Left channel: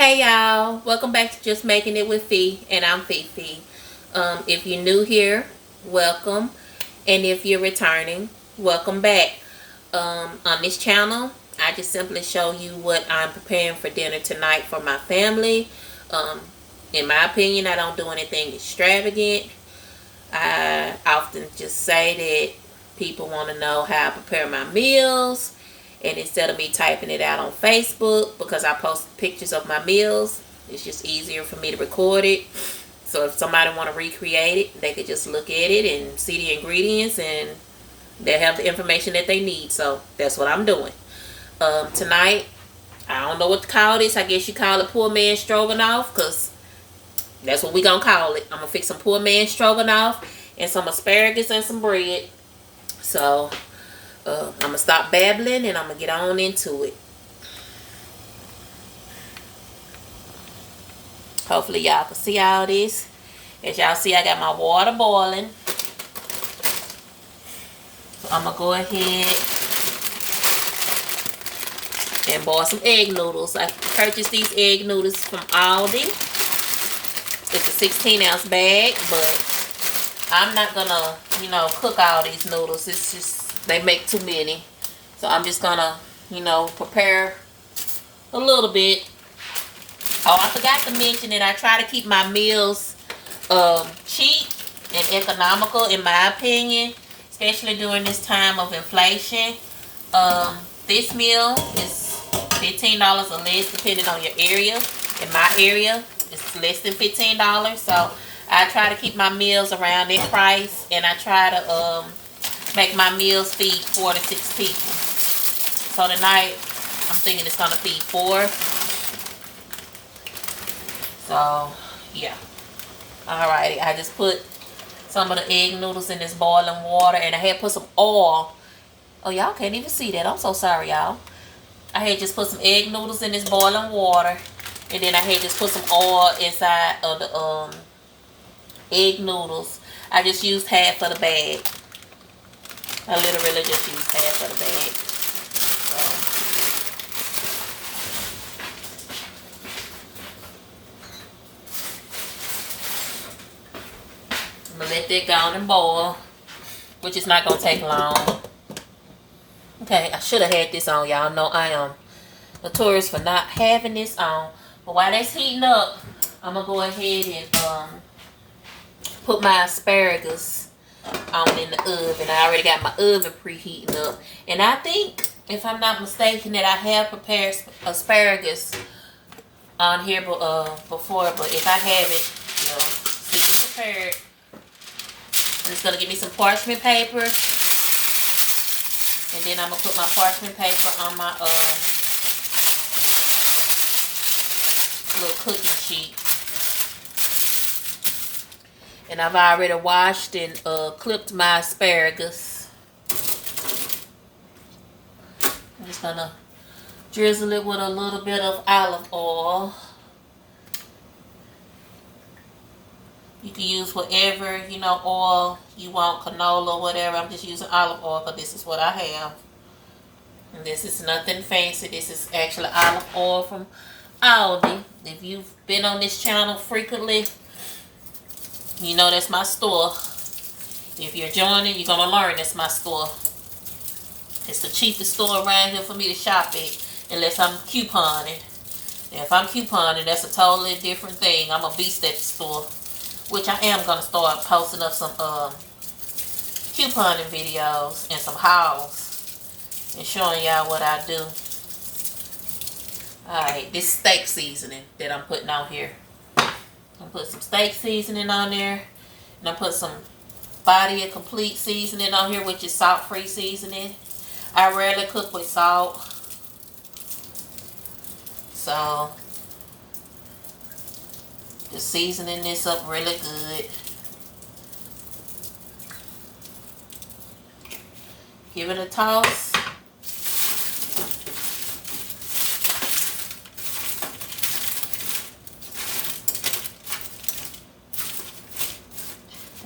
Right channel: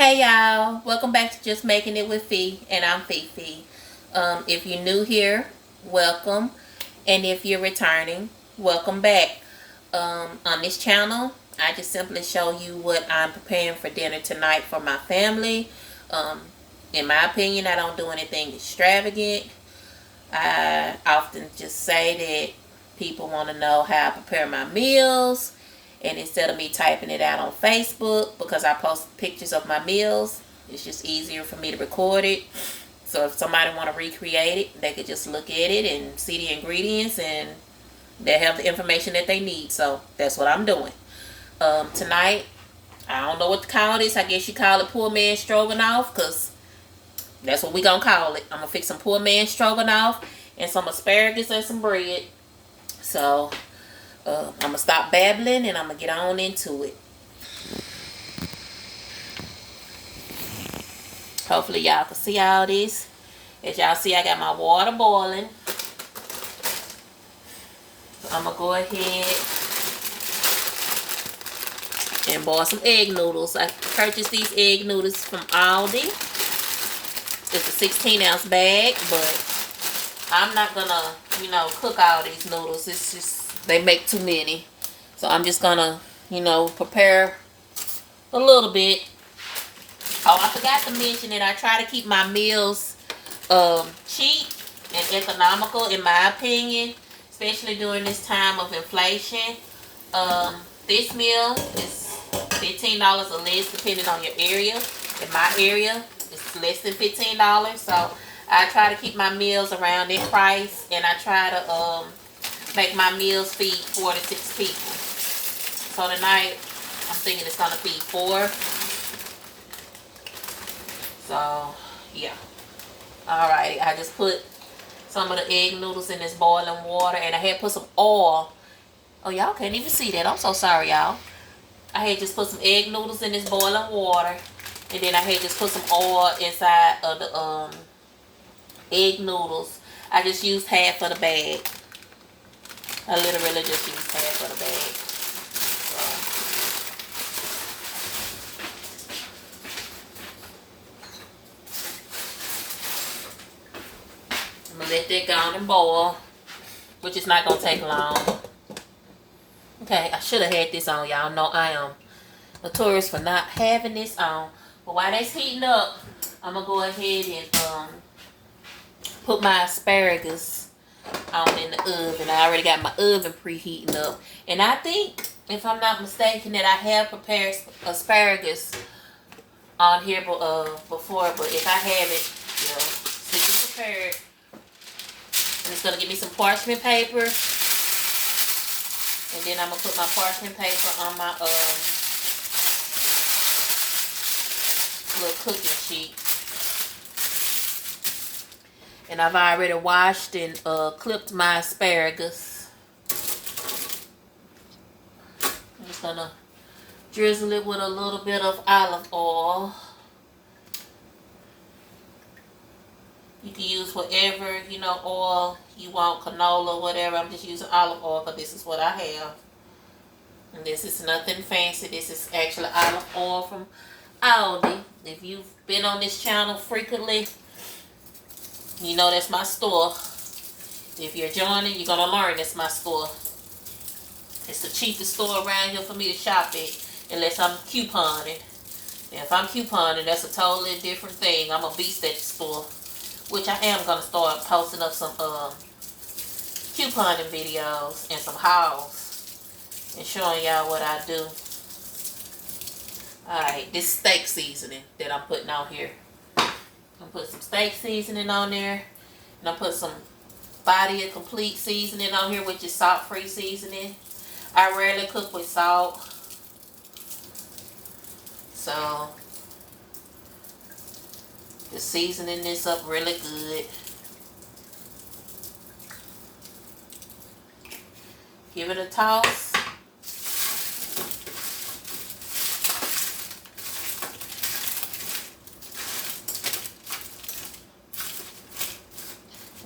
Hey y'all, welcome back to Just Making It with Fee, and I'm Fifi. If you're new here, welcome, and if you're returning, welcome back. On this channel, I just simply show you what I'm preparing for dinner tonight for my family. In my opinion, I don't do anything extravagant. I often just say that people want to know how I prepare my meals. And instead of me typing it out on Facebook, because I post pictures of my meals, it's just easier for me to record it. So if somebody want to recreate it, they could just look at it and see the ingredients, and they'll have the information that they need. So that's what I'm doing. Tonight, I don't know what to call this. I guess you call it poor man stroganoff, because that's what we gonna call it. I'm gonna fix some poor man stroganoff and some asparagus and some bread. So I'm going to stop babbling and I'm going to get on into it. Hopefully y'all can see all this. As y'all see, I got my water boiling. So I'm going to go ahead and boil some egg noodles. I purchased these egg noodles from Aldi. It's a 16-ounce bag, but I'm not going to, cook all these noodles. It's just, they make too many. So I'm just gonna, prepare a little bit. Oh, I forgot to mention that I try to keep my meals cheap and economical, in my opinion, especially during this time of inflation. This meal is $15 or less depending on your area. In my area, it's less than $15. So I try to keep my meals around that price, and I try to make my meals feed 4 to 6 people. So tonight, I'm thinking it's going to feed 4. So, yeah. Alrighty, I just put some of the egg noodles in this boiling water, and I had put some oil. Oh, y'all can't even see that. I'm so sorry, y'all. I had just put some egg noodles in this boiling water, and then I had just put some oil inside of the egg noodles. I just used half of the bag. I literally just used half of the bag. So I'm going to let that go on and boil, which is not going to take long. Okay, I should have had this on, y'all. No, I am notorious for not having this on. But while that's heating up, I'm going to go ahead and put my asparagus on in the oven. I already got my oven preheating up, and I think, if I'm not mistaken, that I have prepared asparagus on here before. But if I haven't, since it's prepared, I'm just gonna get me some parchment paper, and then I'm gonna put my parchment paper on my little cooking sheet. And I've already washed and clipped my asparagus. I'm just going to drizzle it with a little bit of olive oil. You can use whatever, oil you want, canola, whatever. I'm just using olive oil because this is what I have. And this is nothing fancy. This is actually olive oil from Aldi. If you've been on this channel frequently, you know that's my store. If you're joining, you're going to learn that's my store. It's the cheapest store around here for me to shop at, unless I'm couponing. Now, if I'm couponing, that's a totally different thing. I'm a beast at the store, which I am going to start posting up some couponing videos and some hauls and showing y'all what I do. Alright, this steak seasoning that I'm putting on here. I'm going to put some steak seasoning on there. And I put some Body of Complete seasoning on here, which is salt-free seasoning. I rarely cook with salt. So, just seasoning this up really good. Give it a toss.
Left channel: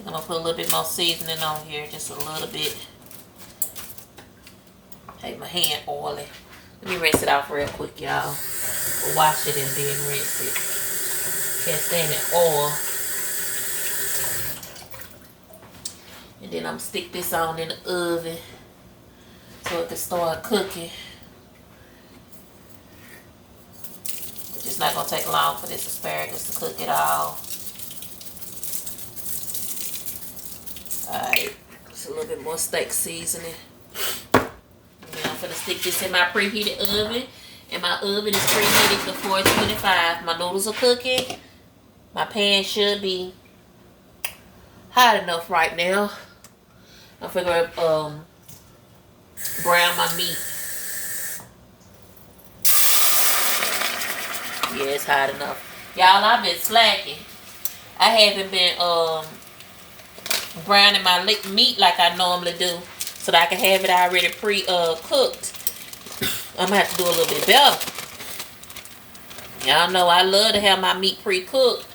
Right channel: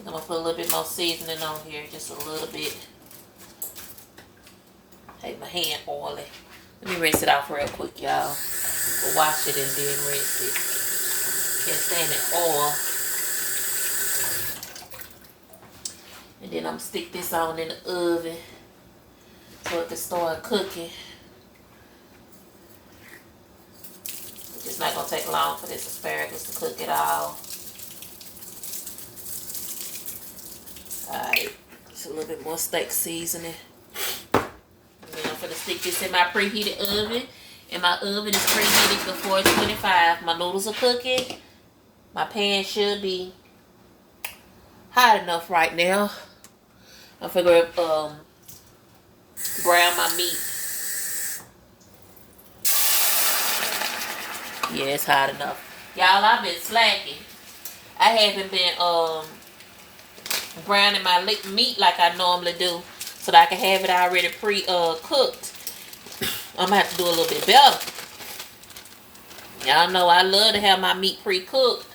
I'm going to put a little bit more seasoning on here, just a little bit. Take my hand oily. Let me rinse it off real quick, y'all. Wash it and then rinse it. Cast in the oil. And then I'm gonna stick this on in the oven so it can start cooking. It's not gonna take long for this asparagus to cook it all. Alright, just a little bit more steak seasoning. And then I'm gonna stick this in my preheated oven. And my oven is preheated to 425. My noodles are cooking. My pan should be hot enough right now. I figure brown my meat. Yeah, it's hot enough. Y'all, I've been slacking. I haven't been browning my meat like I normally do, so that I can have it already cooked. I'm gonna have to do a little bit better. Y'all know I love to have my meat pre-cooked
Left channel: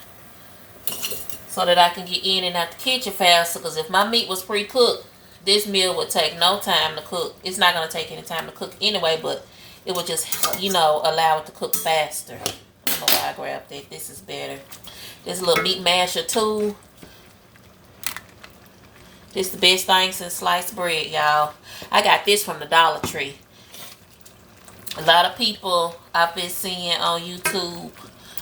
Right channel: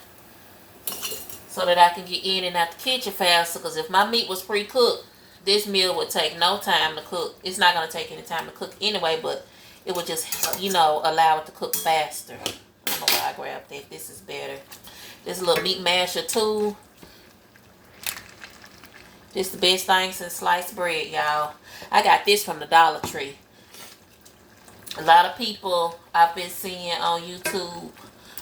so that I can get in and out the kitchen faster, because if my meat was pre-cooked, this meal would take no time to cook. It's not going to take any time to cook anyway, but it would just, you know, allow it to cook faster. I don't know why I grabbed that. This is better. This little meat masher tool. This is the best thing since sliced bread, y'all. I got this from the Dollar Tree. A lot of people I've been seeing on YouTube,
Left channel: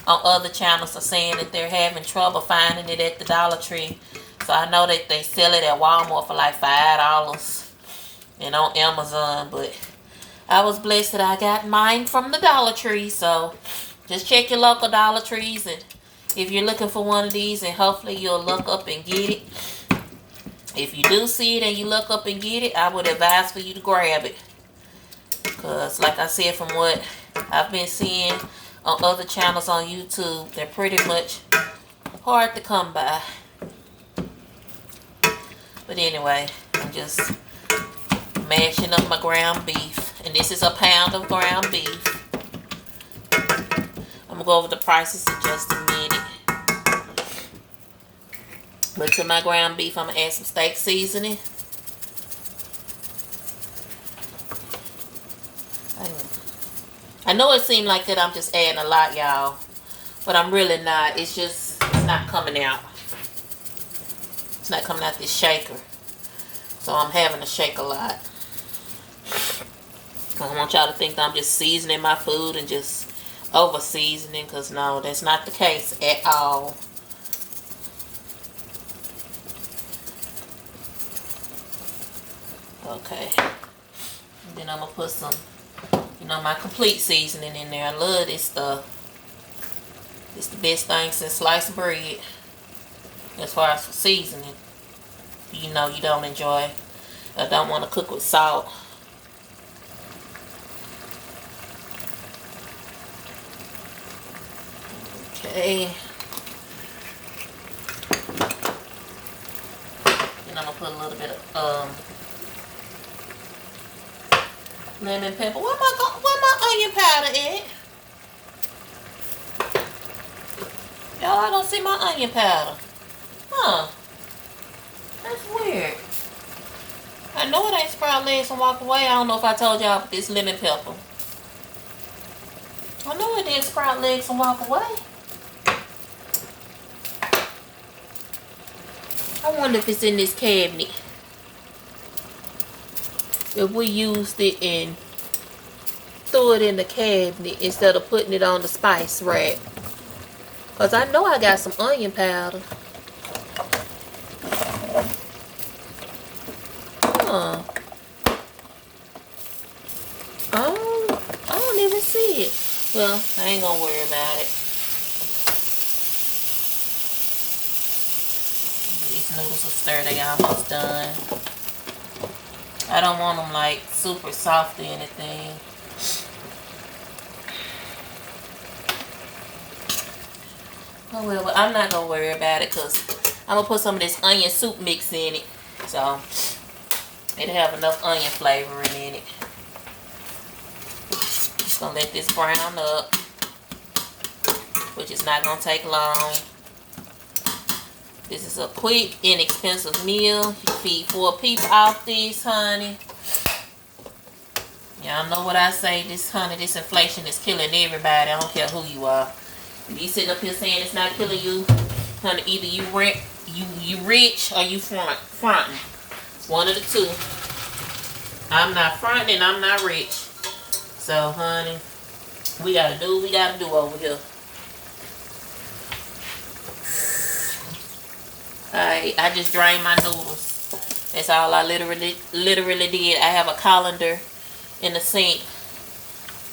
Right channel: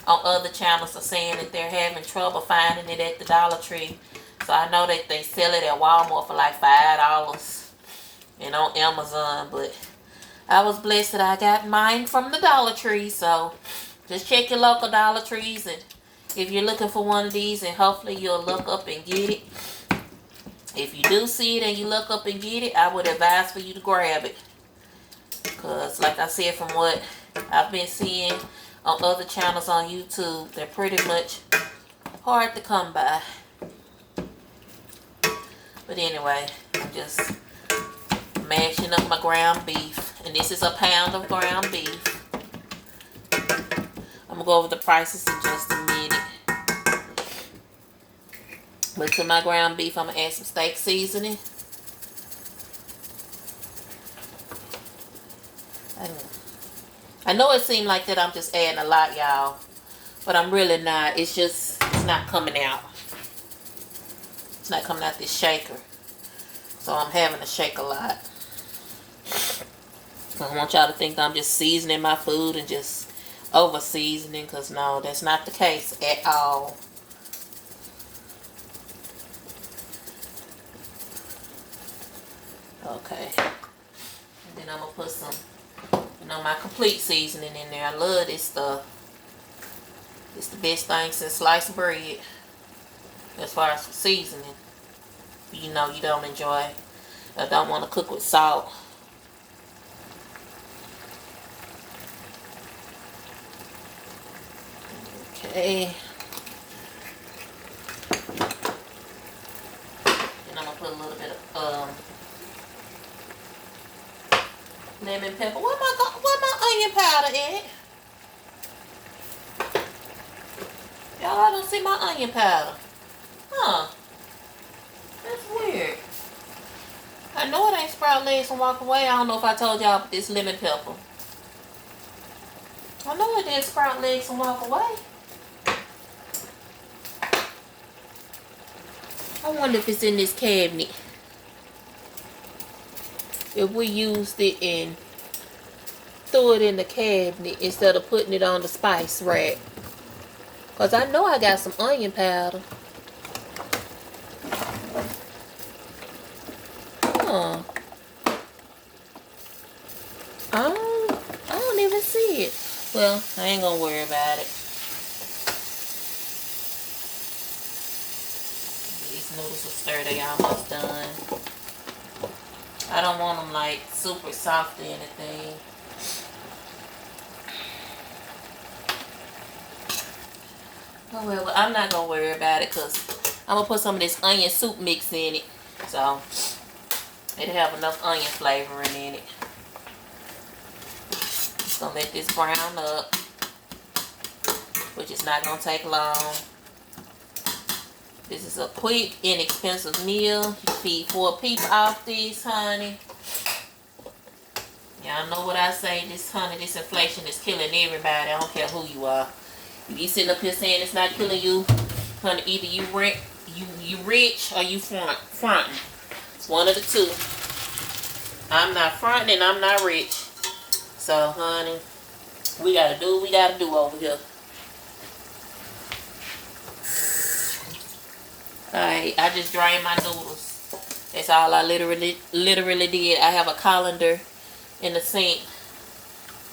on other channels, are saying that they're having trouble finding it at the Dollar Tree. So I know that they sell it at Walmart for like $5 and on Amazon, but I was blessed that I got mine from the Dollar Tree. So just check your local Dollar Trees, and if you're looking for one of these, and hopefully you'll look up and get it. If you do see it and you look up and get it, I would advise for you to grab it. Because like I said, from what I've been seeing on other channels on YouTube, they're pretty much hard to come by. But anyway, I'm just mashing up my ground beef. And this is a pound of ground beef. I'm going to go over the prices in just a minute. But to my ground beef, I'm going to add some steak seasoning. I know it seemed like that I'm just adding a lot, y'all. But I'm really not. It's not coming out. It's not coming out this shaker. So I'm having to shake a lot. I don't want y'all to think that I'm just seasoning my food and just over seasoning. Because no, that's not the case at all. Okay. And then I'm going to put some, you know, my complete seasoning in there. I love this stuff. It's the best thing since sliced bread. As far as seasoning. You know you don't enjoy, or don't want to cook with salt. Okay. Then I'm going to put a little bit of lemon pepper. Where my onion powder at? Y'all, I don't see my onion powder. Huh. That's weird. I know it ain't sprout legs and walk away. I don't know if I told y'all about this lemon pepper. I know it didn't sprout legs and walk away. I wonder if it's in this cabinet. If we used it and threw it in the cabinet instead of putting it on the spice rack. Because I know I got some onion powder. Huh. I don't even see it. Well, I ain't gonna worry about it. These noodles are stirred. They almost done. I don't want them like super soft or anything. Oh well, I'm not gonna worry about it because I'm gonna put some of this onion soup mix in it. So it'll have enough onion flavoring in it. Just gonna let this brown up, which is not gonna take long. This is a quick, inexpensive meal. You feed 4 people off this, honey. Y'all know what I say. This inflation is killing everybody. I don't care who you are. If you sitting up here saying it's not killing you, honey, either you rich or you fronting. It's one of the two. I'm not fronting and I'm not rich. So, honey, we gotta do what we gotta do over here. Alright, I just drained my noodles. That's all I literally did. I have a colander in the sink,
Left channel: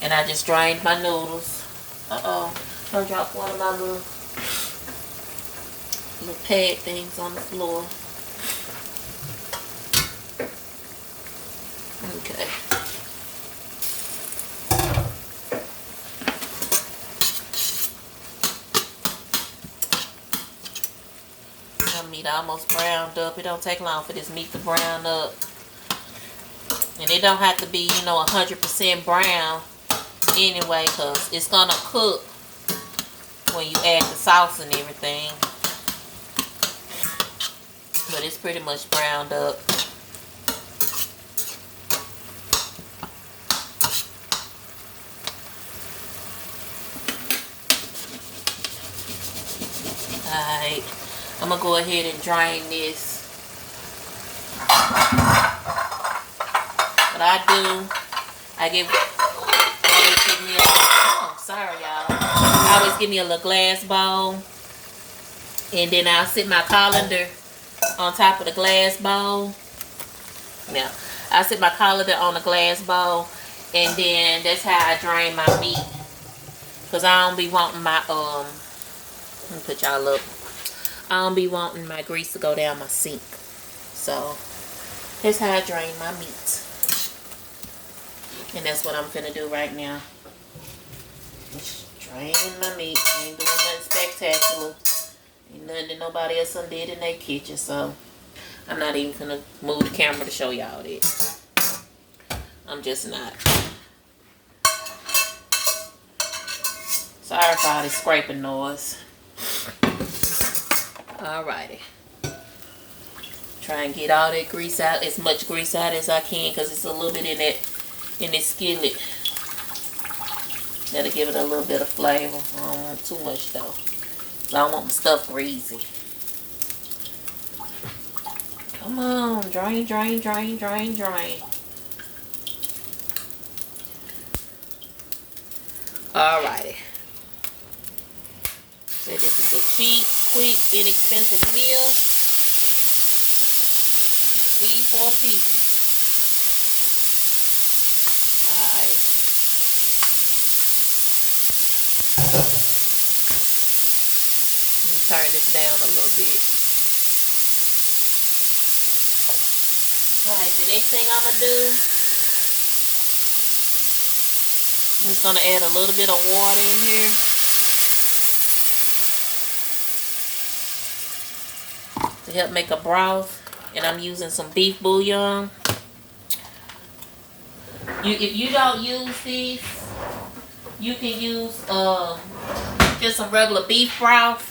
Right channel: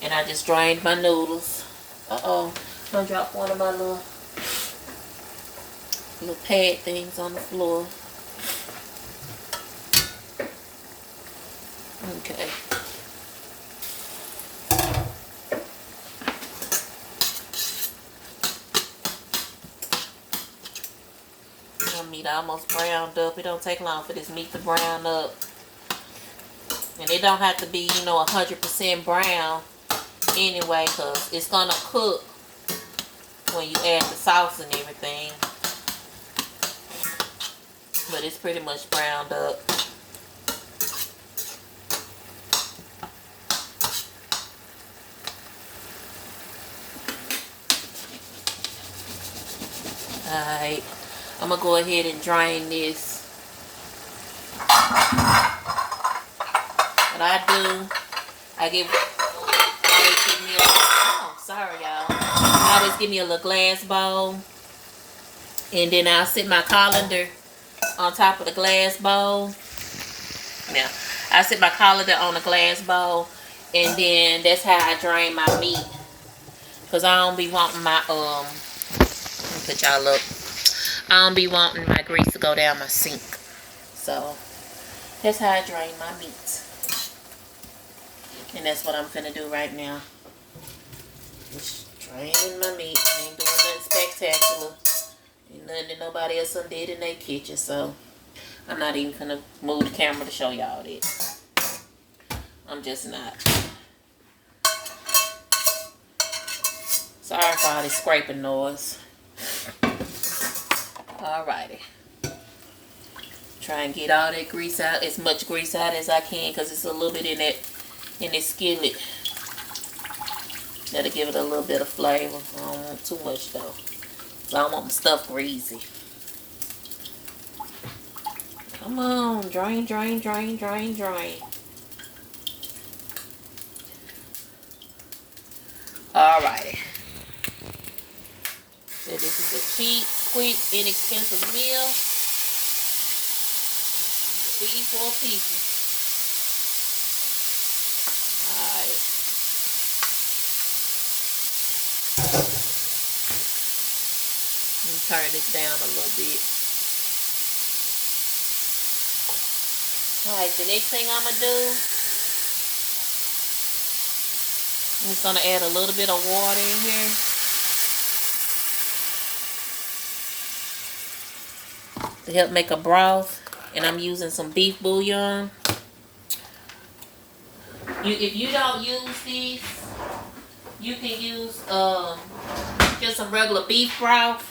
and I just drained my noodles. Don't drop one of my little pad things on the floor. Okay. My meat almost browned up. It don't take long for this meat to brown up. And it don't have to be, 100% brown anyway, because it's going to cook when you add the sauce and everything. But it's pretty much browned up. Alright, I'm going to go ahead and drain this. What I do, I always give me a little glass bowl, and then I'll sit my colander on top of the glass bowl. Now, I sit my colander on the glass bowl, and then that's how I drain my meat. Cause I don't be wanting my let me put y'all up. I don't be wanting my grease to go down my sink. So that's how I drain my meat. And that's what I'm finna do right now. Just drain my meat. I ain't doing nothing spectacular. Ain't nothing that nobody else done did in their kitchen. So I'm not even finna move the camera to show y'all that. I'm just not. Sorry for all this scraping noise. Alrighty. Try and get all that grease out, as much grease out as I can, because it's a little bit in this skillet. That'll give it a little bit of flavor. I don't want too much though. I don't want my stuff greasy. Come on, drain, drain, drain, drain, drain. Alrighty. So this is a cheap, quick, inexpensive meal. Feed 4 pieces. Alright. Let me turn this down a little bit. Alright, the next thing I'm going to do, I'm just going to add a little bit of water in here. To help make a broth. And I'm using some beef bouillon. If you don't use these, you can use just some regular beef broth.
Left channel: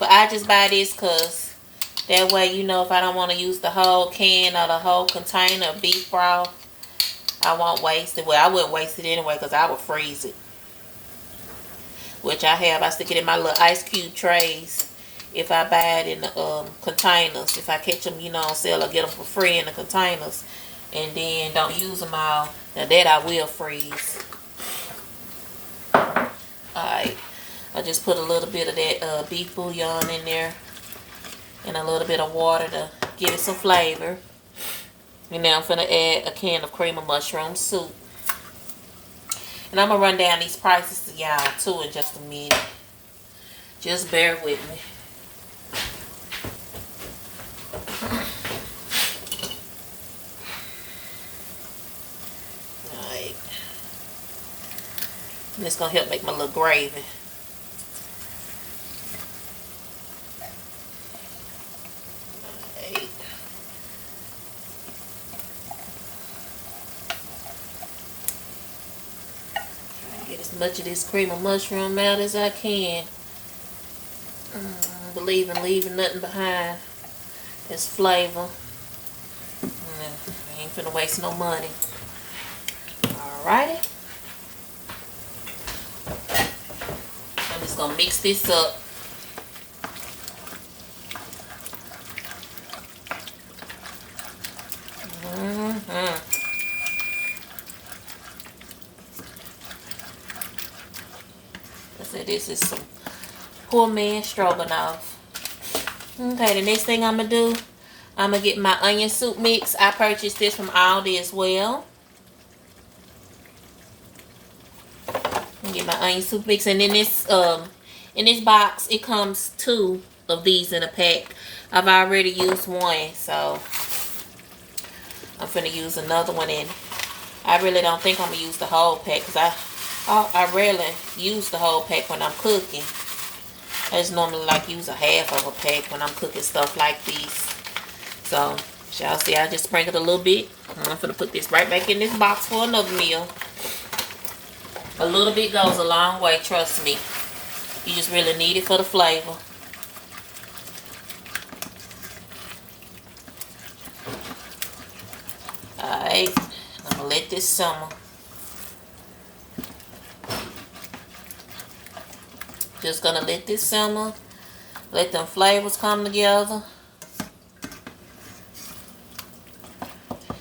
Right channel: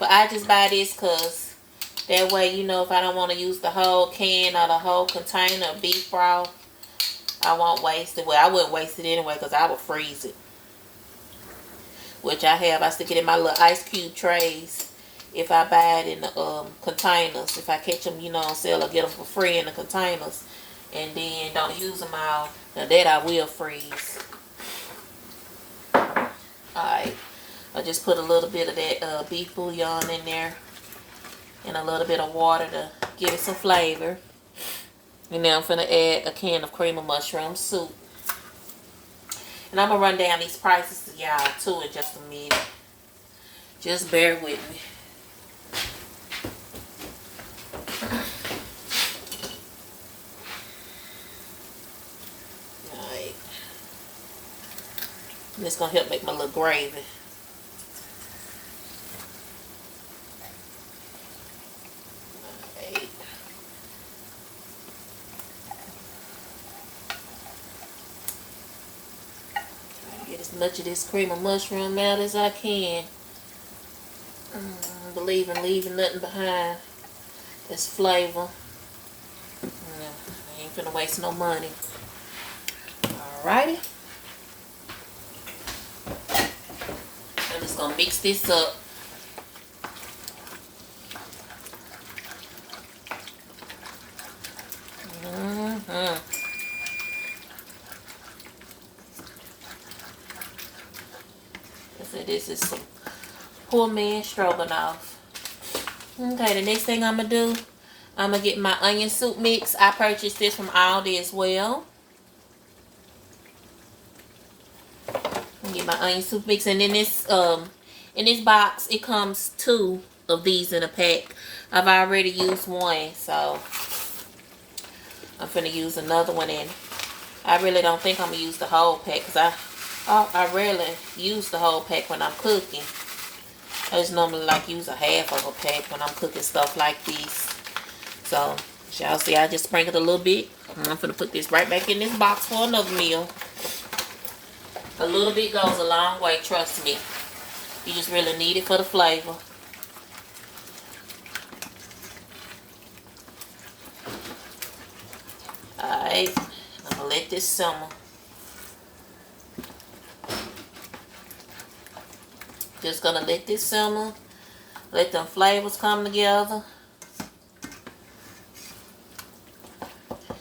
But I just buy this because that way, if I don't want to use the whole can or the whole container of beef broth, I won't waste it. Well, I wouldn't waste it anyway because I would freeze it. Which I have. I stick it in my little ice cube trays. If I buy it in the containers, if I catch them, on sale or get them for free in the containers, and then don't use them all, now that I will freeze. Alright, I just put a little bit of that beef bouillon in there, and a little bit of water to give it some flavor. And now I'm going to add a can of cream of mushroom soup. And I'm going to run down these prices to y'all too in just a minute. Just bear with me. This is going to help make my little gravy. Right. Try to get as much of this cream of mushroom out as I can. Believe in leaving nothing behind. This flavor. I ain't finna waste no money. Alrighty. I'm just gonna mix this up. So this is some poor man stroganoff. Okay, the next thing I'm gonna do, I'm gonna get my onion soup mix. I purchased this from Aldi as well. Get my onion soup mix, and in this box it comes 2 of these in a pack. I've already used one, so I'm finna use another one. And I really don't think I'm gonna use the whole pack, because I rarely use the whole pack when I'm cooking. I just normally like use a half of a pack when I'm cooking stuff like this. So y'all see, I just sprinkled a little bit. I'm gonna put this right back in this box for another meal. A little bit goes a long way, trust me. You just really need it for the flavor. Alright, I'm gonna let this simmer. Just gonna let this simmer. Let them flavors come together.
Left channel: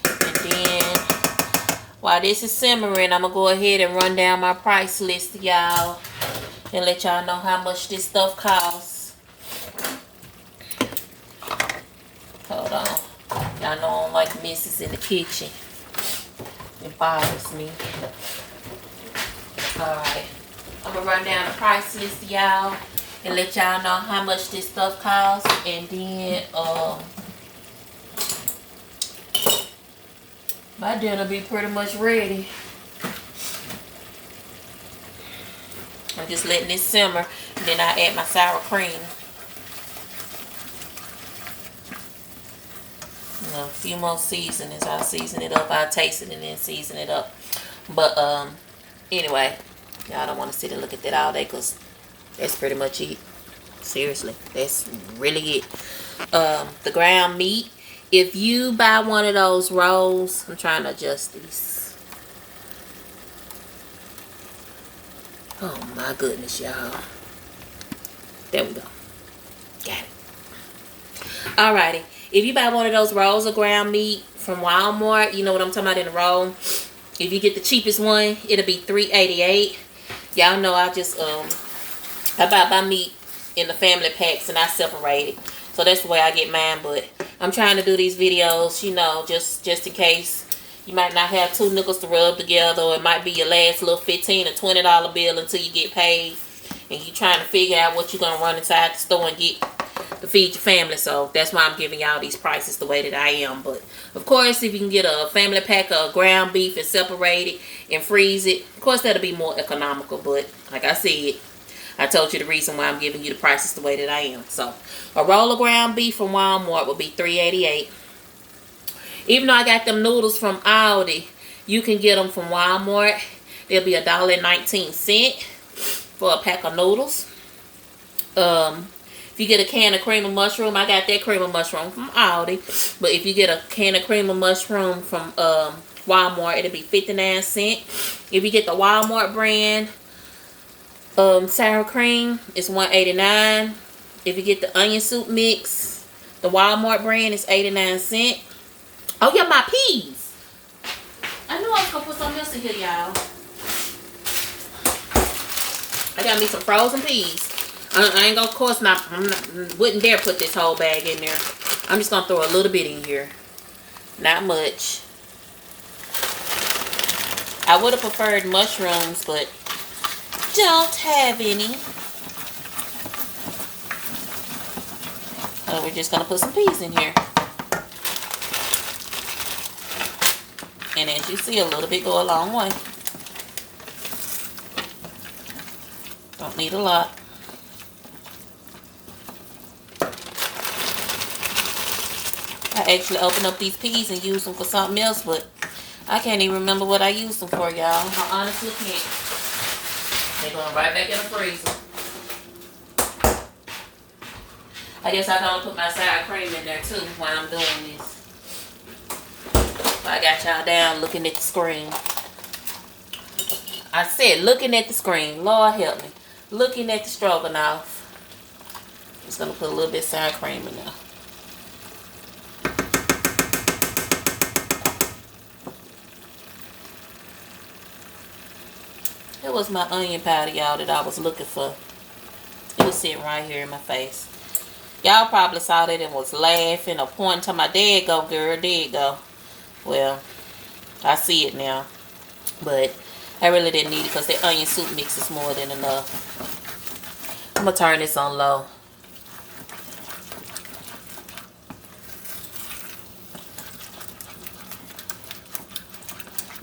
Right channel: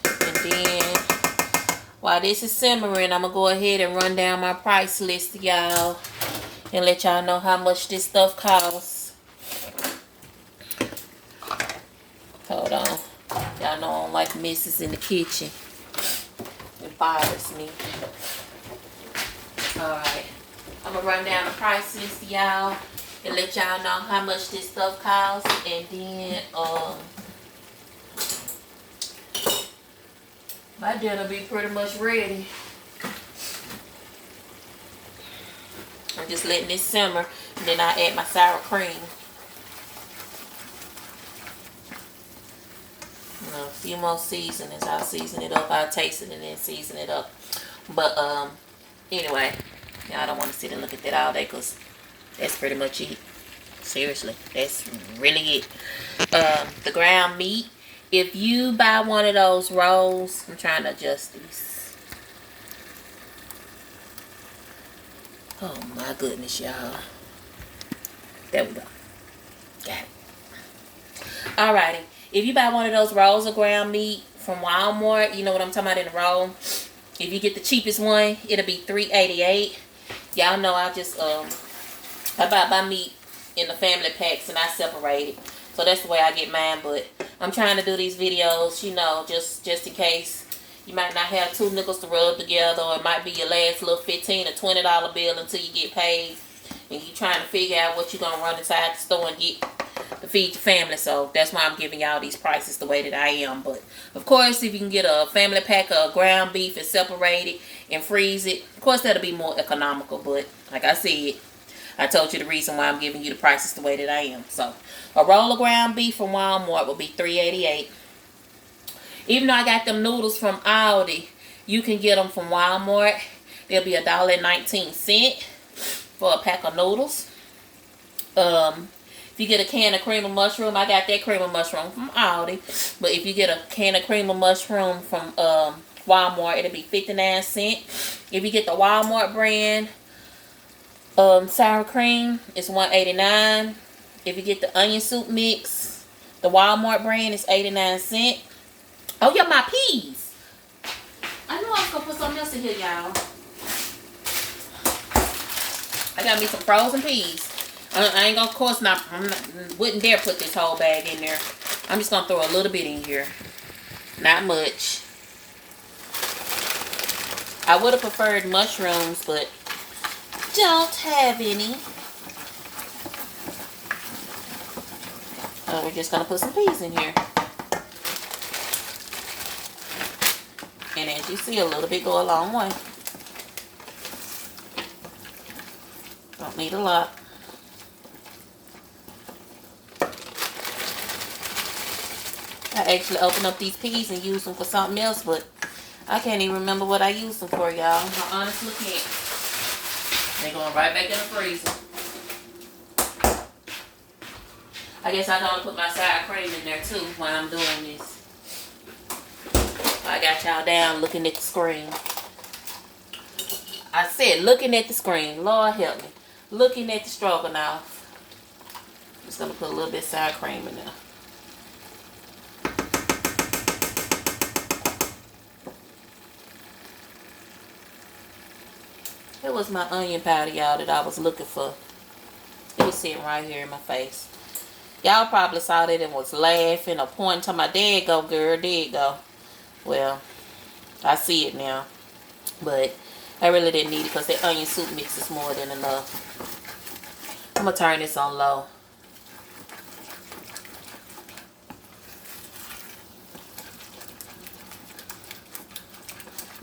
And then, while this is simmering, I'm gonna go ahead and run down my price list, y'all, and let y'all know how much this stuff costs. Hold on. Y'all know I don't like messes in the kitchen. It bothers me. Alright. I'm gonna run down the price list, y'all, and let y'all know how much this stuff costs. And then my dinner will be pretty much ready. I'm just letting this simmer, and then I add my sour cream. A few more seasonings. I'll season it up. I'll taste it and then season it up. But anyway, y'all don't want to sit and look at that all day, because that's pretty much it. Seriously, that's really it. The ground meat. If you buy one of those rolls, I'm trying to adjust these. Oh my goodness, y'all. There we go. Got it. Alrighty. If you buy one of those rolls of ground meat from Walmart, you know what I'm talking about, in a roll. If you get the cheapest one, it'll be $3.88. Y'all know I just I buy my meat in the family packs and I separate it. So that's the way I get mine. But I'm trying to do these videos, you know, just in case you might not have 2 nickels to rub together, or it might be your last little $15 or $20 bill until you get paid, and you trying to figure out what you're gonna run inside the store and get to feed your family. So that's why I'm giving y'all these prices the way that I am. But of course, if you can get a family pack of ground beef and separate it and freeze it, of course that'll be more economical. But like I said, I told you the reason why I'm giving you the prices the way that I am. So a roll of ground beef from Walmart will be $3.88. Even though I got them noodles from Aldi, you can get them from Walmart. They'll be $1.19 for a pack of noodles. If you get a can of cream of mushroom, I got that cream of mushroom from Aldi. But if you get a can of cream of mushroom from Walmart, it'll be 59 cents. If you get the Walmart brand sour cream, it's $1.89. If you get the onion soup mix, the Walmart brand is 89 cents. Oh yeah, my peas. I knew I was gonna put something else in here, y'all. I got me some frozen peas. I ain't gonna, of course not, wouldn't dare put this whole bag in there. I'm just gonna throw a little bit in here. Not much. I would have preferred mushrooms, but don't have any. So we're just gonna put some peas in here. And as you see, a little bit go a long way. Don't need a lot. I actually opened up these peas and used them for something else, but I can't even remember what I used them for, y'all. I honestly can't. They're going right back in the freezer. I guess I'm going to put my sour cream in there too while I'm doing this. I got y'all down looking at the screen. I said looking at the screen. Lord help me. Looking at the stroganoff. I'm just going to put a little bit of sour cream in there. It was my onion powder, y'all, that I was looking for. It was sitting right here in my face. Y'all probably saw that and was laughing or pointing to my dad. Go, girl, there you go. Well, I see it now. But I really didn't need it because the onion soup mix is more than enough. I'm going to turn this on low.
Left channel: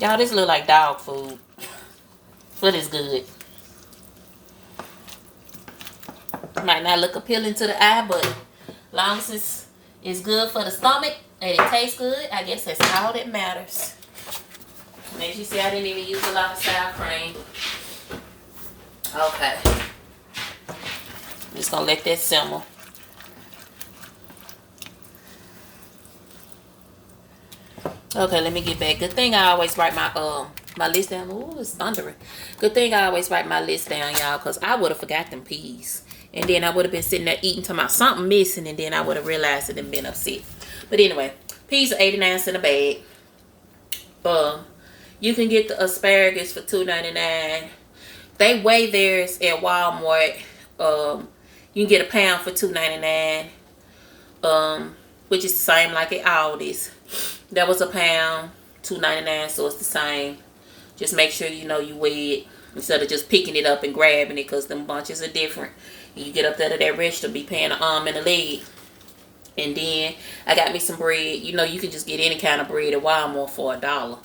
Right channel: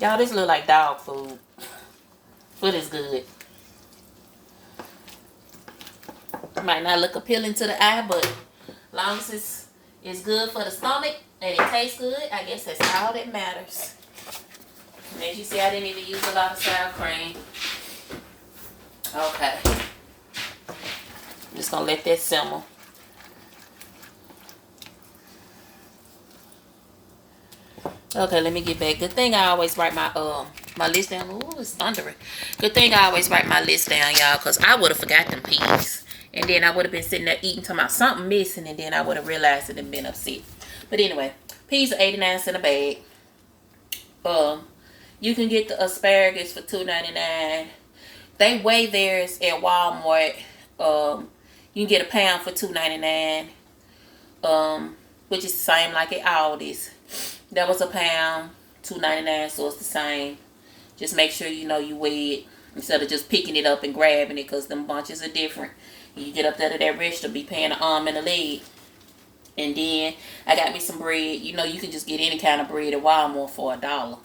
Y'all, this look like dog food. But it's good. Might not look appealing to the eye, but as long as it's good for the stomach and it tastes good, I guess that's all that matters. And as you see, I didn't even use a lot of sour cream. Okay. Just gonna let that simmer. Okay, let me get back. Good thing I always write my list down. Ooh, it's thundering. Good thing I always write my list down, y'all, because I would have forgot them peas. And then I would have been sitting there eating to my something missing, and then I would have realized it and been upset. But anyway, peas are 89 cents a bag. You can get the asparagus for $2.99. They weigh theirs at Walmart. You can get a pound for $2.99. Which is the same like at Aldi's. That was a pound, $2.99, so it's the same. Just make sure you know you weigh it instead of just picking it up and grabbing it, because them bunches are different. You get up there to that register, be paying an arm and a leg. And then I got me some bread. You know, you can just get any kind of bread at Walmart for $1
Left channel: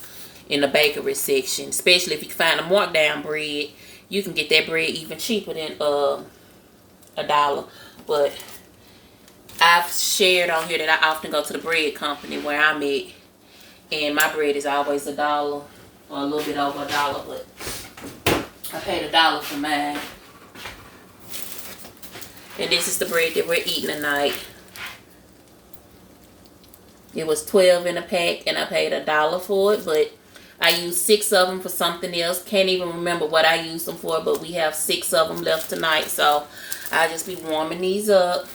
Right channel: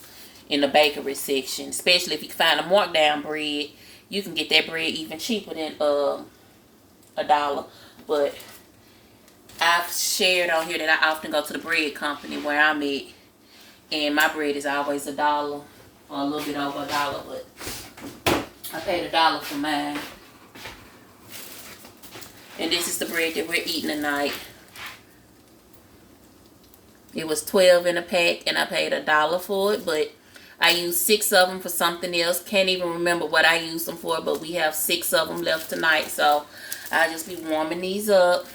in the bakery section. Especially if you can find a markdown bread, you can get that bread even cheaper than $1. But I've shared on here that I often go to the bread company where I'm at, and my bread is always $1 or a little bit over $1, but I paid $1 for mine. And this is the bread that we're eating tonight. It was 12 in a pack, and I paid $1 for it, but I used 6 of them for something else. Can't even remember what I used them for, but we have 6 of them left tonight, so I'll just be warming these up.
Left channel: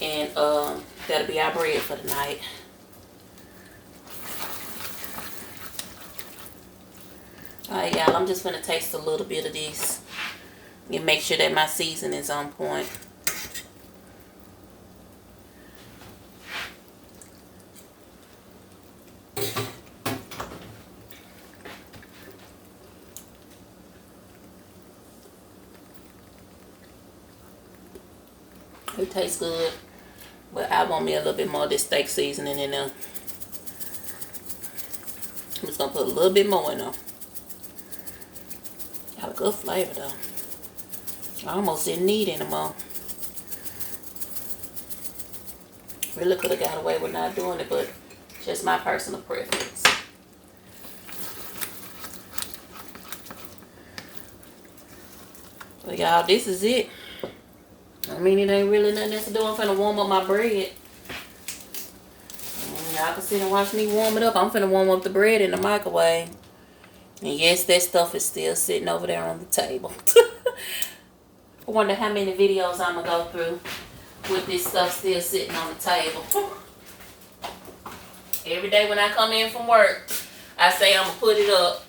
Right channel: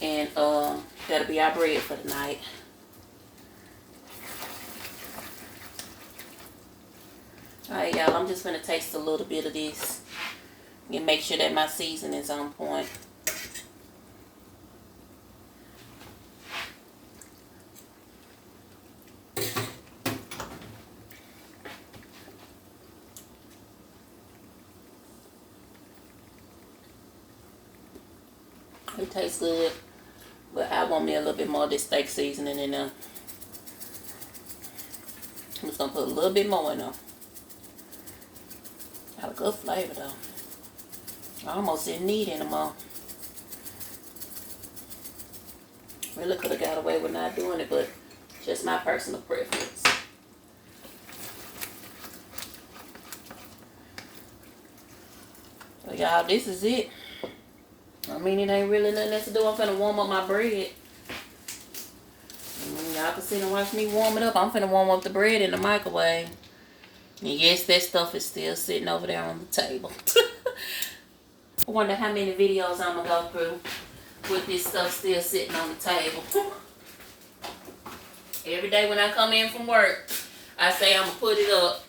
And that'll be our bread for tonight. Alright, y'all, I'm just gonna taste a little bit of this and make sure that my seasoning is on point. It tastes good, but I want me a little bit more of this steak seasoning in there. I'm just gonna put a little bit more in there. Got a good flavor though. I almost didn't need any more. Really could have got away with not doing it, but just my personal preference. So y'all, this is it. I mean, it ain't really nothing else to do. I'm finna warm up my bread. Y'all can sit and watch me warm it up. I'm finna warm up the bread in the microwave. And yes, that stuff is still sitting over there on the table. I wonder how many videos I'm gonna go through with this stuff still sitting on the table. Every day when I come in from work, I say I'm gonna put it up.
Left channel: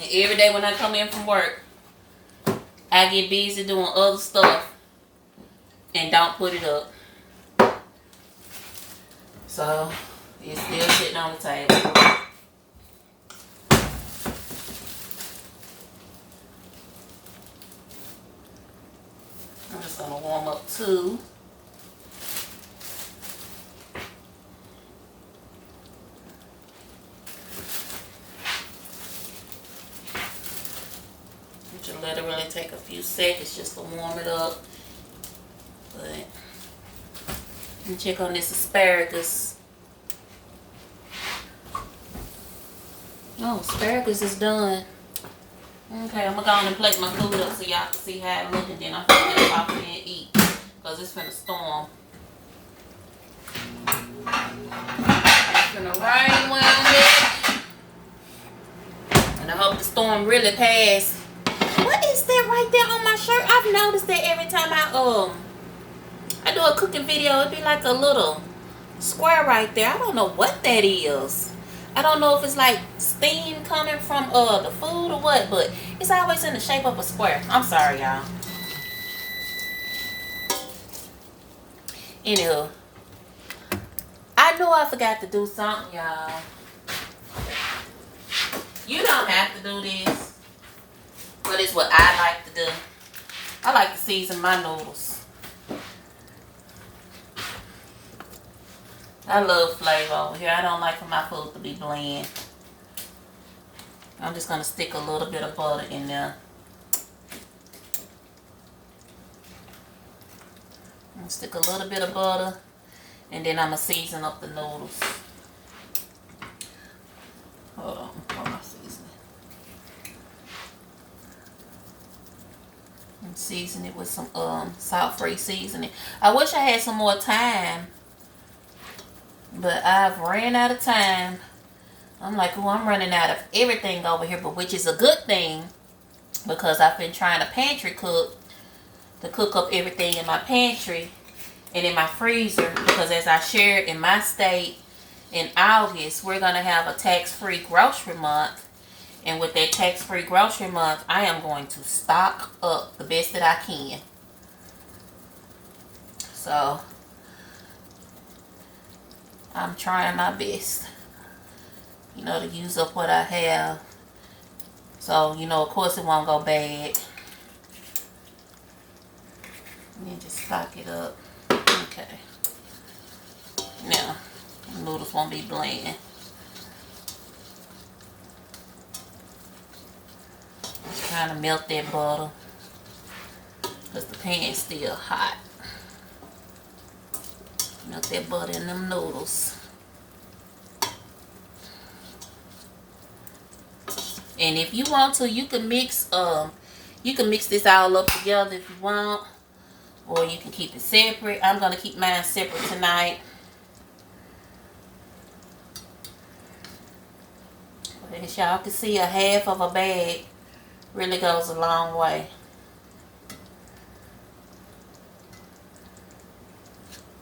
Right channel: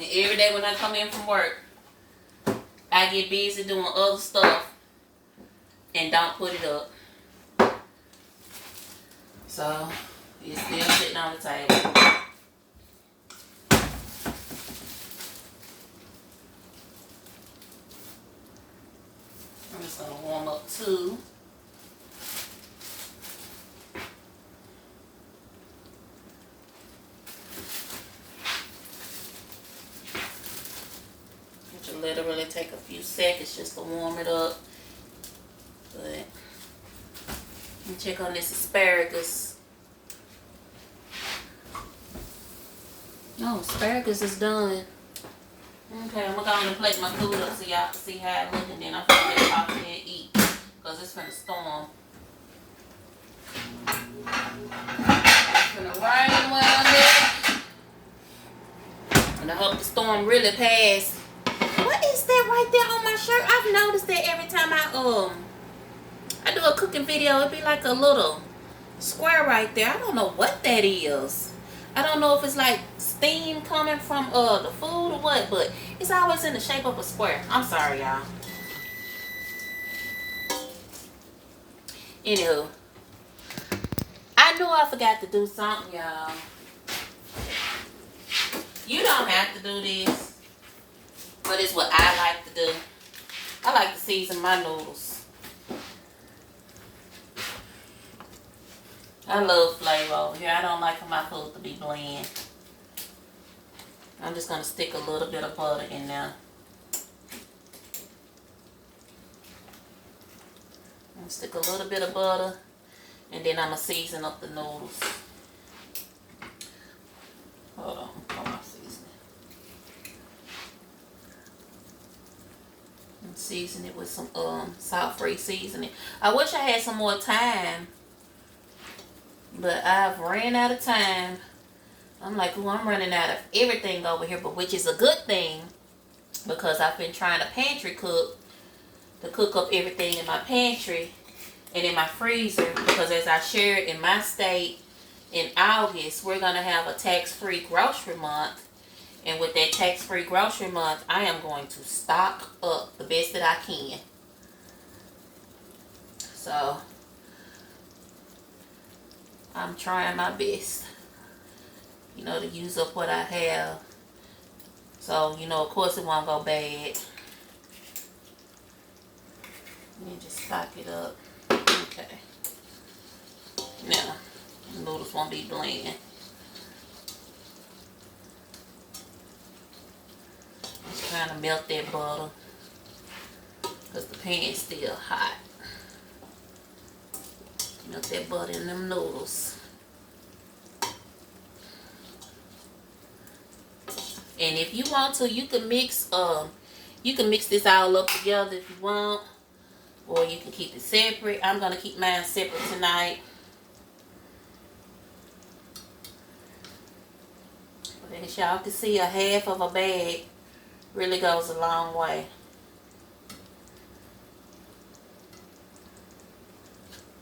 And every day when I come in from work, I get busy doing other stuff and don't put it up. So it's still sitting on the table. I'm just gonna warm up 2. It should literally take a few seconds just to warm it up. But let me check on this asparagus. Oh, asparagus is done. Okay, I'm gonna go and plate my food up so y'all can see how it looks, and then I'm gonna get off here and eat, because it's finna storm. It's finna rain when I'm there. And And I hope the storm really passed. What is that right there on my shirt? I've noticed that every time I do a cooking video, it be like a little square right there. I don't know what that is. I don't know if it's like steam coming from the food or what, but it's always in the shape of a square. I'm sorry, y'all. Anywho, I know I forgot to do something, y'all. You don't have to do this, but it's what I like to do. I like to season my noodles. I love flavor over here. I don't like for my food to be bland. I'm just going to stick a little bit of butter in there. I'm going to stick a little bit of butter, and then I'm going to season up the noodles. Hold on, what am I seasoning? And season it with some salt-free seasoning. I wish I had some more time, but I've ran out of time. I'm like, oh, I'm running out of everything over here, but which is a good thing, because I've been trying to pantry cook, to cook up everything in my pantry and in my freezer, because as I shared in my state, in August, we're going to have a tax-free grocery month. And with that tax-free grocery month, I am going to stock up the best that I can. So, I'm trying my best, you know, to use up what I have. So, you know, of course it won't go bad. Let me just stock it up. Okay. Now, the noodles won't be bland. Just kind of melt that butter, because the pan's still hot. Melt that butter in them noodles. And if you want to, you can mix this all up together if you want, or you can keep it separate. I'm gonna keep mine separate tonight. But as y'all can see, a half of a bag really goes a long way.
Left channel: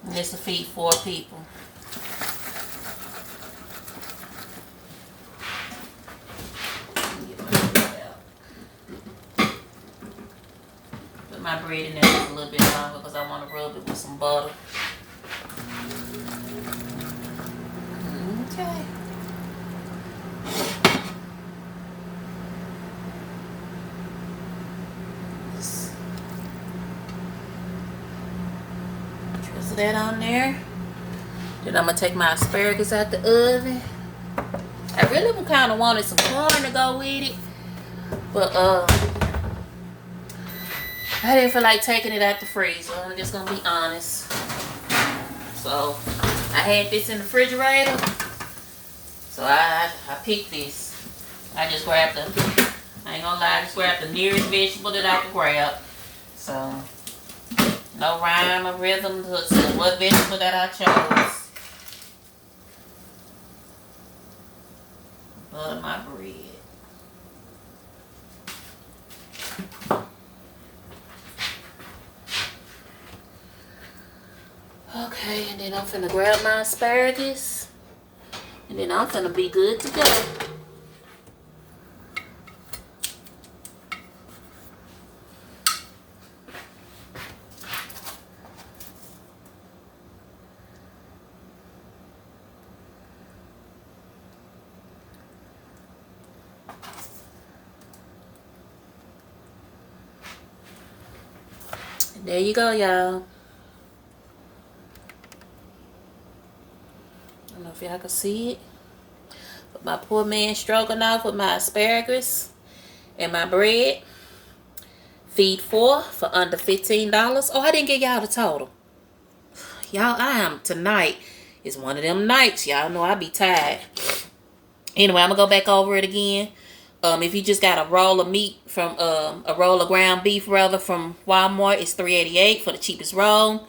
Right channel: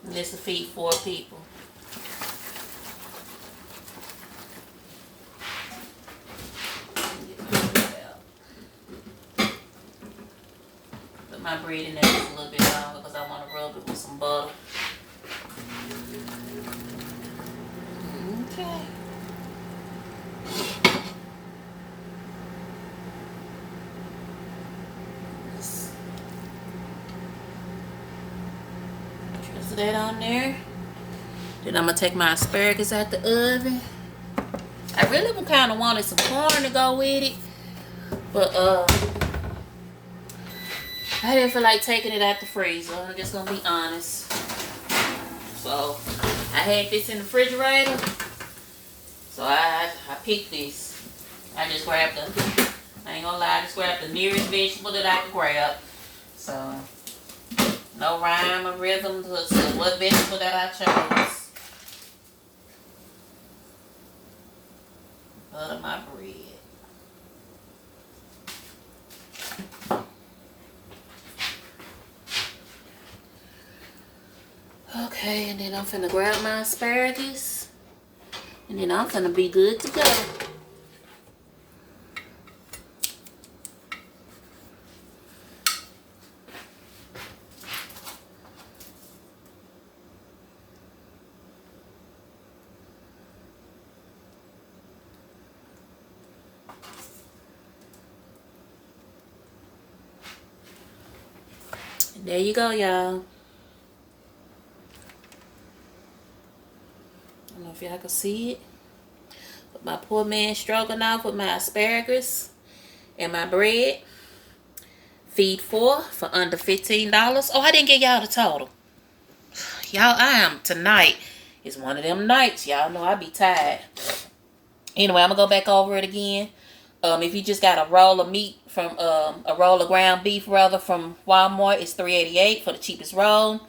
And this will feed 4 people. Put my bread in there just a little bit longer because I want to rub it with some butter. Okay. Just that on there. Then I'm going to take my asparagus out the oven. I really kind of wanted some corn to go with it, but I didn't feel like taking it out the freezer. I'm just gonna be honest. So I had this in the refrigerator, so I picked this. I just grabbed I ain't gonna lie, I just grabbed the nearest vegetable that I could grab. So no rhyme or rhythm to what vegetable that I chose. Butter my bread. Okay, and then I'm finna grab my asparagus, and then I'm finna be good to go. There you go, y'all. I don't know if y'all can see it. But my poor man stroganoff with my asparagus and my bread. Feed 4 for under $15. Oh, I didn't get y'all the total. Y'all, tonight is one of them nights. Y'all know I be tired. Anyway, I'm going to go back over it again. If you just got a roll of meat from, a roll of ground beef rather from Walmart, it's $3.88 for the cheapest roll.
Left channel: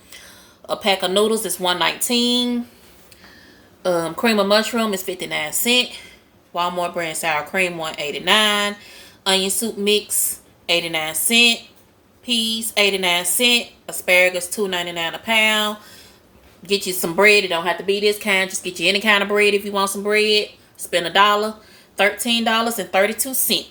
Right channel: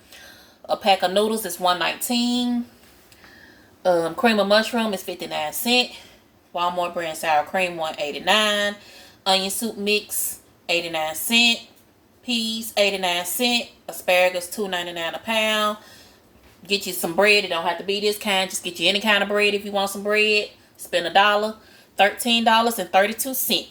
A pack of noodles is $1.19. Cream of mushroom is 59 cents Walmart brand sour cream, $1.89. Onion soup mix, 89 cents. Peas, 89 cents. Asparagus, $2.99 a pound. Get you some bread. It don't have to be this kind. Just get you any kind of bread if you want some bread. Spend $1. $13.32.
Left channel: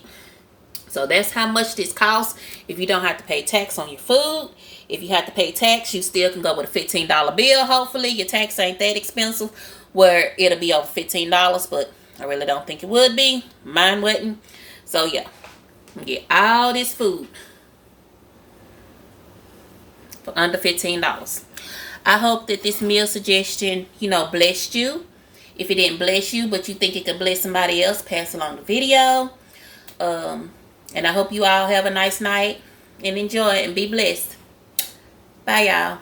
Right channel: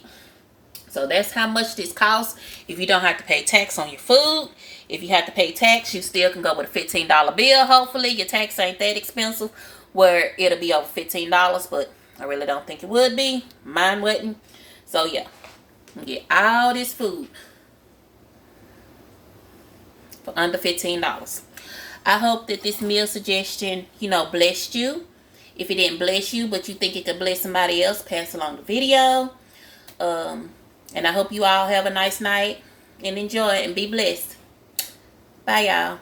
So that's how much this costs if you don't have to pay tax on your food. If you have to pay tax, you still can go with a $15 bill. Hopefully your tax ain't that expensive where it'll be over $15, but I really don't think it would be. Mine wouldn't. So yeah, get all this food for under $15. I hope that this meal suggestion, blessed you. If it didn't bless you, but you think it could bless somebody else, pass along the video. And I hope you all have a nice night and enjoy it and be blessed. Bye, y'all.